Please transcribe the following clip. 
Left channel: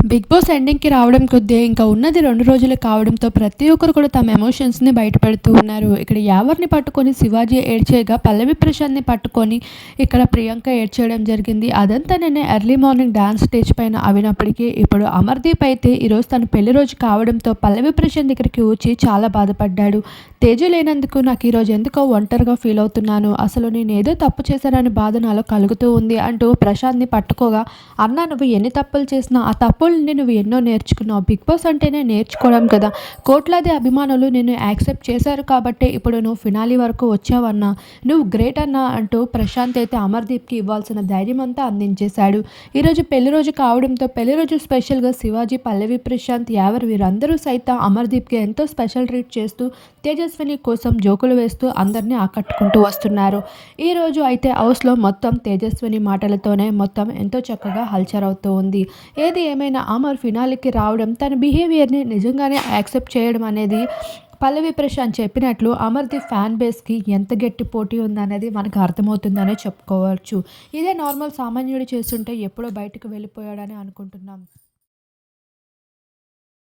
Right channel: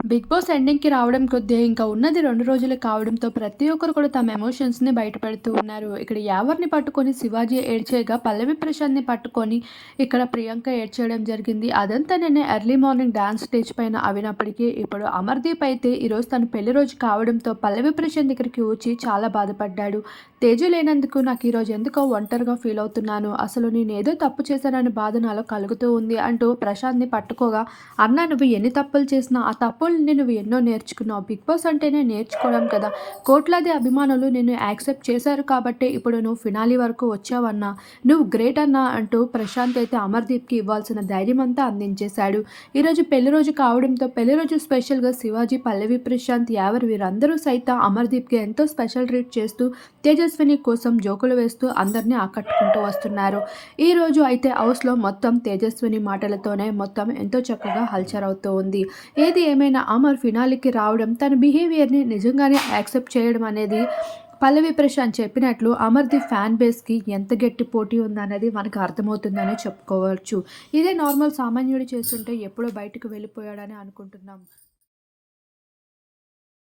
Big boss ఎండింగ్‌కి రావడం కొద్దీ ఇంకా ఉన్నది రెండు రోజులు కావడంతో ప్రతి ఒక్కరు కూడా తమ ఎమోషన్స్‌ని బయటపెడుతూ ఉన్నారు. ఇక్కడ యావర్ని పట్టుకొని శివాజీ ఏడ్చేయగా పల్లవి ప్రశాంత్‌ని పట్టుకొని ఇక్కడ ప్రియాంక ఏడ్చేయడం జరిగింది. అదంతా నేను ఎర్లీ మార్నింగ్ డాన్స్ స్టేజ్ పైన అవినప్పటికీ ఇప్పుడు అమర్‌దీప్ అయితే ఈరోజు తన పెళ్ళి రోజు కావడంతో పల్లవి ప్రశాంత్ ఇక్కడికి వచ్చి చాలా బాధపడ్డాడు. తేజ లేనందుకు నాకు ఈరోజు ఎందుకో ఒంటరిగా ఫీల్ అవుతున్నాను. అసలు నేను ఏదో తప్పు చేశాననే బాధ నాలో కలుగుతూ ఉంది అంటూ ప్రశాంత్‌ని పట్టుకోగా అన్నా నువ్వు ఎన్ని తప్పులు చేసినా ఆ తప్పు తప్పుల నుండి నువ్వు ఎన్నో నేర్చుకున్నావు. బిగ్ బాస్ అంటేనే నేర్చుకోవడం కదా! కోట్లాది అభిమానులు నిన్ను యాక్సెప్ట్ చేశారు కాబట్టే ఇప్పుడు నువ్వు ఫినాలి వరకు వచ్చావన్నా. నువ్వు గ్రేట్ అన్నా అంటూ ప్రశాంత్ అయితే అమర్‌దీప్‌కి ఇవ్వాల్సిన ధైర్యమంతా అందించేశాడు. ఈరోజు పెళ్ళి రోజు కావడంతో పెళ్ళి రోజు స్పెషల్‌గా శివాజీ, పల్లవి ప్రశాంత్, యావర్ వీరందరూ సైతం అమర్‌దీప్‌కి ఎంతో స్పెషల్ ట్రీట్ చేస్తూ తేజస్విని కోసం జోకులు వేస్తూ అందరినీ ఆకట్టుకుంటూ వస్తున్నారు. ఈరోజు అయితే హౌస్‌లో మొత్తం తేజస్విని మాటలతోనే మొత్తం ఎంతో చక్కగా హల్చల్ అవుతూ ఉంది. ఏది ఏమైనా అమర్ ఫినాలేకి రావడం తన బిహేవియర్‌ని నిజంగానే యాక్సెప్ట్ చేయడం అనేది పల్లవి ప్రశాంత్ చెప్పినట్లు అమర్ది ఫ్యాన్ బేస్‌కి ఎంత గట్టి పోటీ ఉందనేది మనకు అర్థమవుతుందనే చెప్పుకోవచ్చు. ఇదే నార్మల్ సామాన్యుడు చేస్తుంటే ఎప్పుడో బయటకు వెళ్ళిపోయాడని అనుకుంటున్నాం.